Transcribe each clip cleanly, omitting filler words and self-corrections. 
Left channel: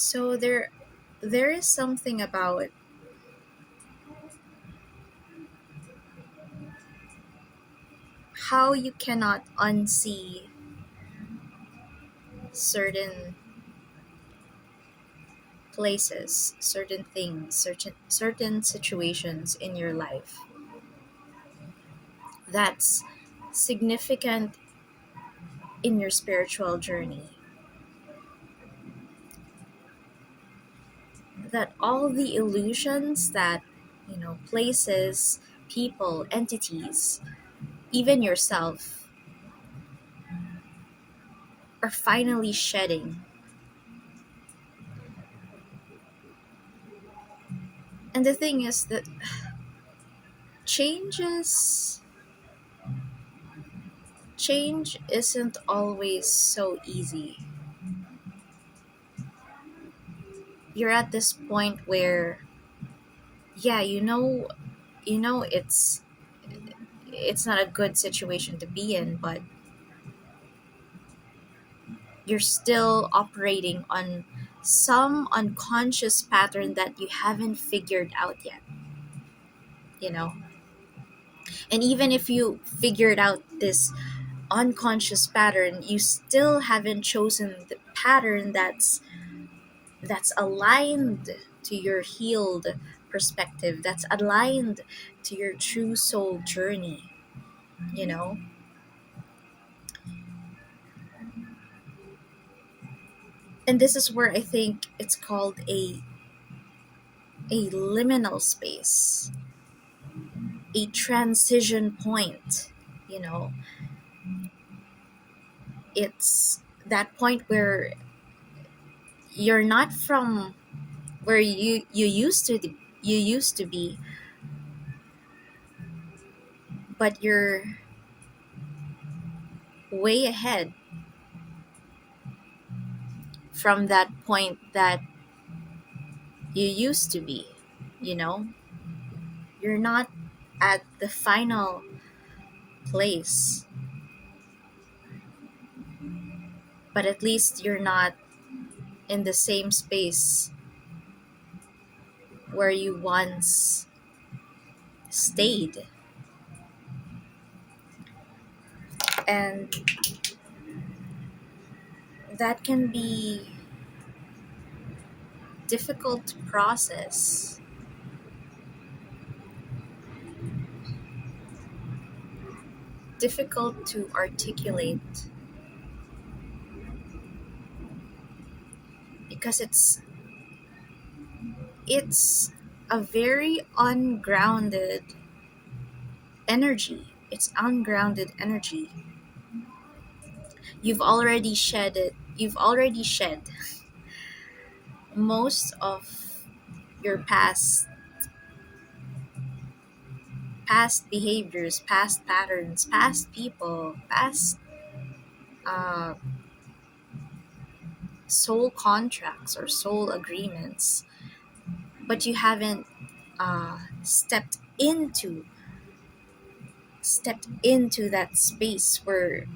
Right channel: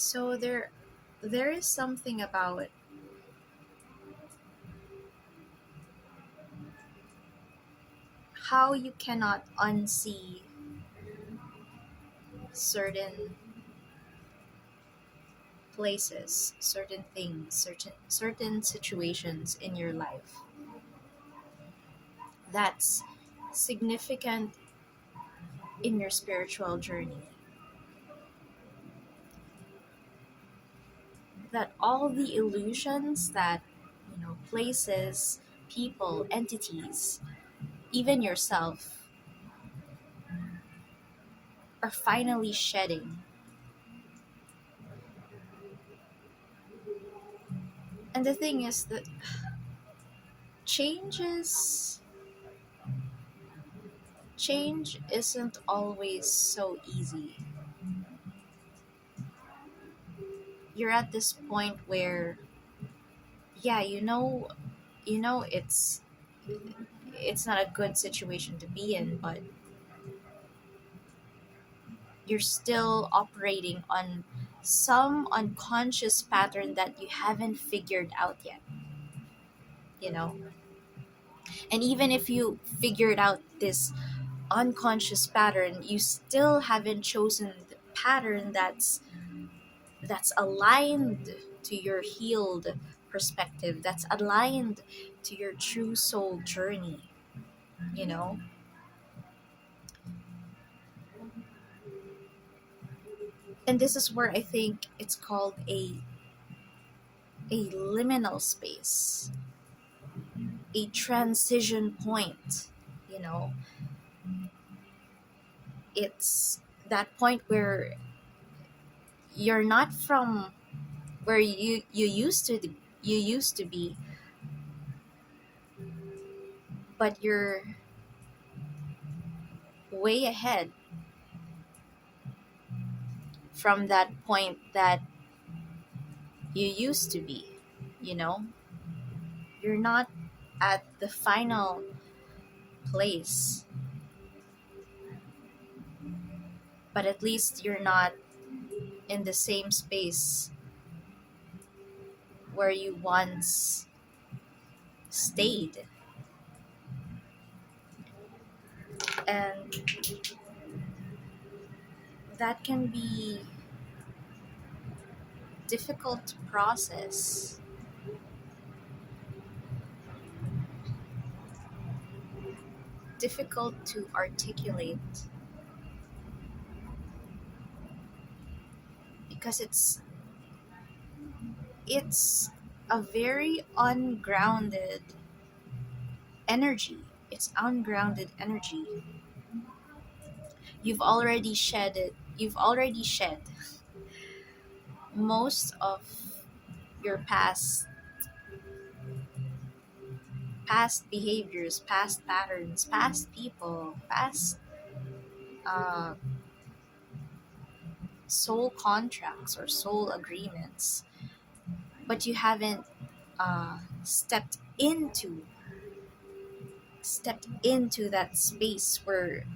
So there is something about how you cannot unsee certain places, certain things, certain situations in your life that's significant in your spiritual journey. That all the illusions that, places, people, entities, even yourself are finally shedding. And the thing is that changes change isn't always so easy. You're at this point where, yeah, it's not a good situation to be in, but you're still operating on some unconscious pattern that you haven't figured out yet, you know? And even if you figured out this unconscious pattern, you still haven't chosen the pattern that's aligned to your healed perspective, that's aligned to your true soul journey, you know? And this is where I think it's called a liminal space, a transition point, you know? It's that point where you're not from where you used to be, but you're way ahead from that point that you used to be, you know? You're not at the final place, but at least you're not in the same space where you once stayed. And that can be difficult to process, difficult to articulate, because it's a very ungrounded energy. It's ungrounded energy. You've already shed most of your past behaviors, past patterns, past people, past uh, soul contracts or soul agreements, but you haven't uh, stepped into that space where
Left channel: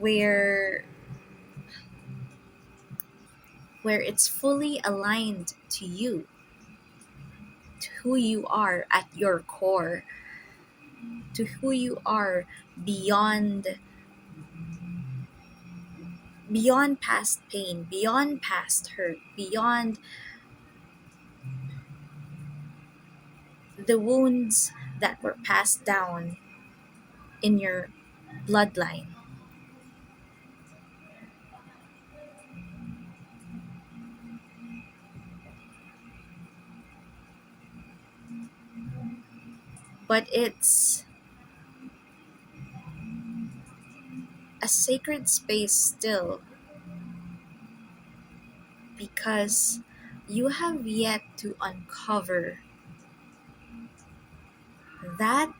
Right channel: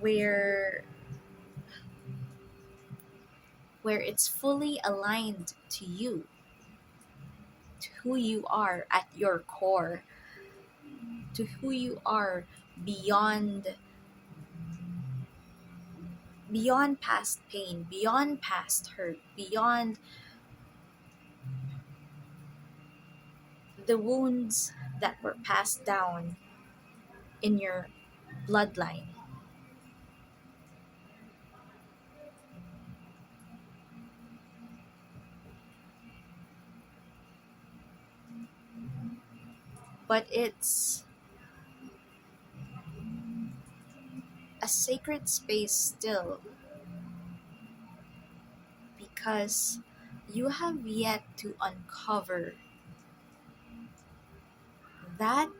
where it's fully aligned to you, to who you are at your core, to who you are beyond beyond past pain, beyond past hurt, beyond the wounds that were passed down in your bloodline. But it's a sacred space still, because you have yet to uncover that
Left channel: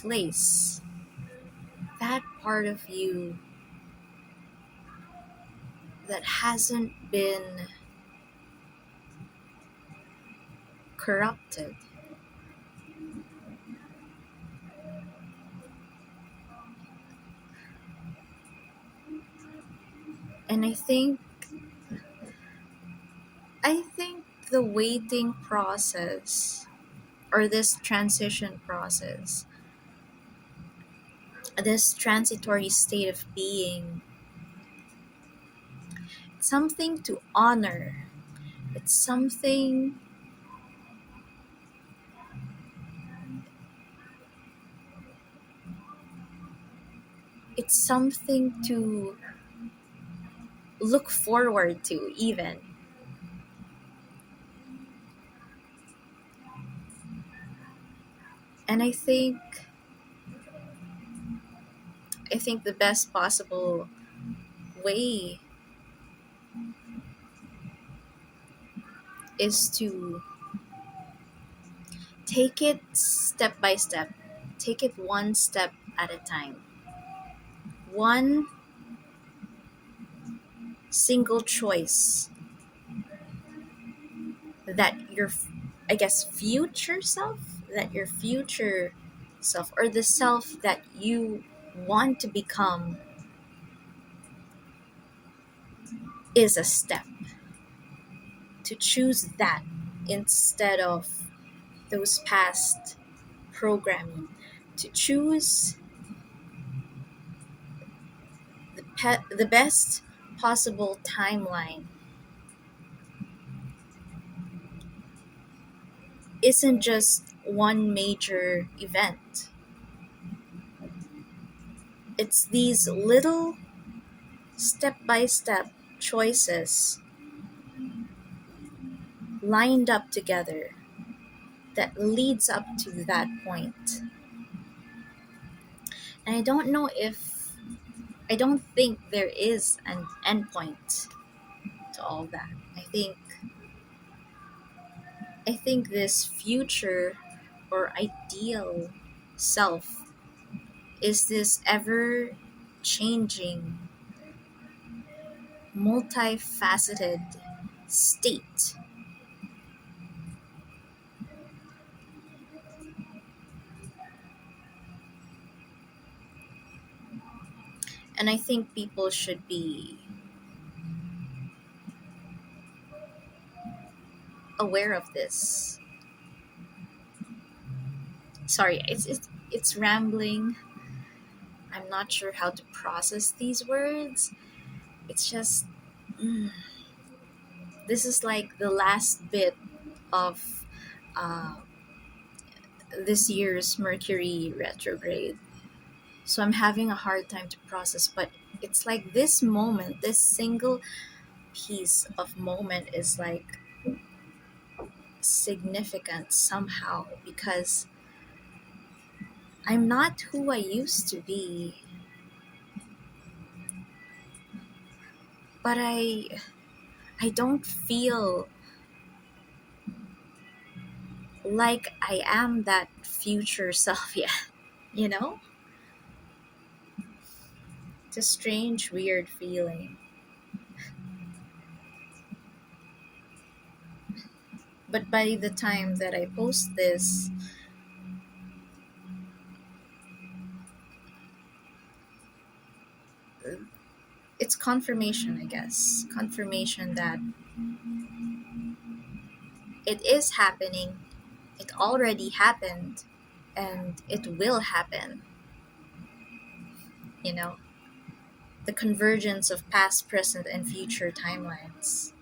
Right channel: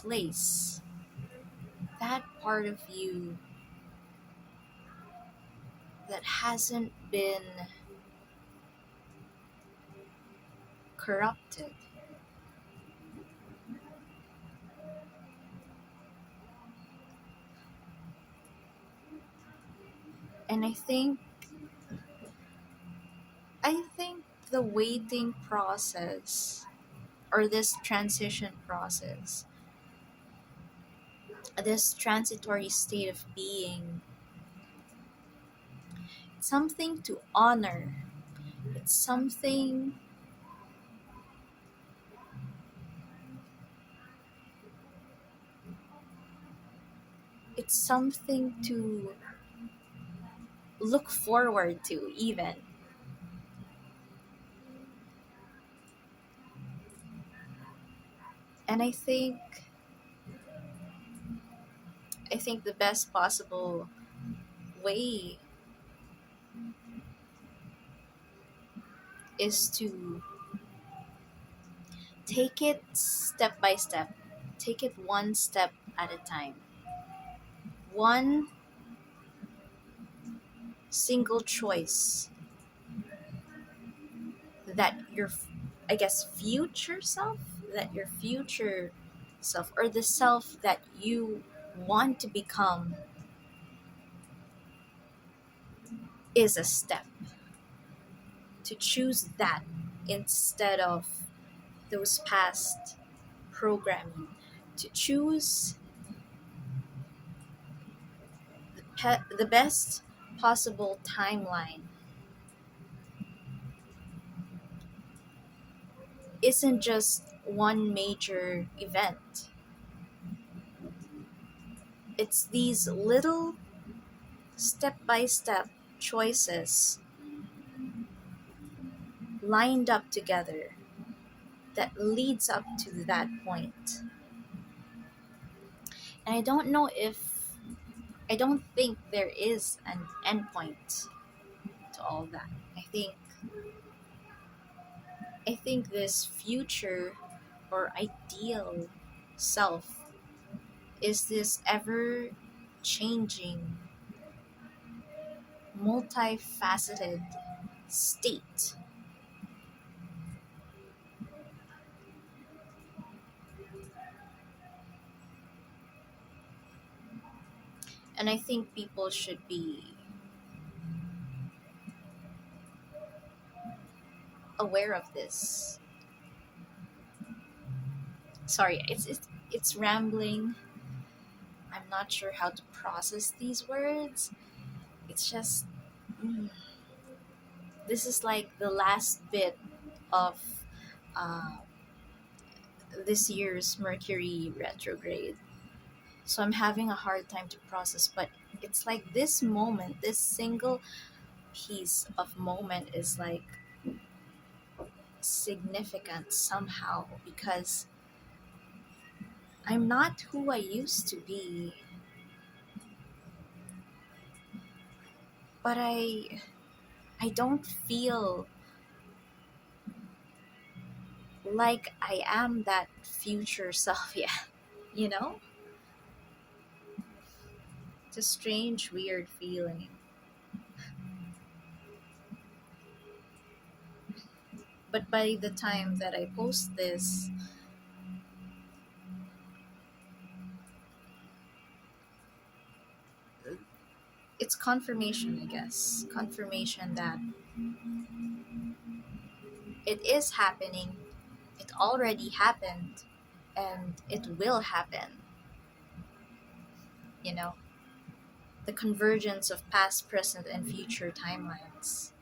place, that part of you that hasn't been corrupted. And I think the waiting process, or this transition process, this transitory state of being, something to honor. It's something it's something to look forward to even. And I think the best possible way is to take it step by step. Take it one step at a time. One single choice that your, I guess, future self, that your future self, or the self that you want to become, is a step to choose that instead of those past programming, to choose the best possible timeline. Isn't just one major event. It's these little step by step choices lined up together that leads up to that point. And I don't think there is an endpoint to all that. I think this future or ideal self is this ever changing, multifaceted state. And I think people should be aware of this. Sorry, it's rambling. I'm not sure how to process these words. It's just, mm, this is like the last bit of uh, this year's Mercury Retrograde. So I'm having a hard time to process, but it's like this moment, this single piece of moment is like significant somehow because I'm not who I used to be, but I don't feel like I am that future self yet, you know? It's a strange, weird feeling. But by the time that I post this, it's confirmation, I guess. Confirmation that it is happening, it already happened, and it will happen, you know? The convergence of past, present, and future timelines.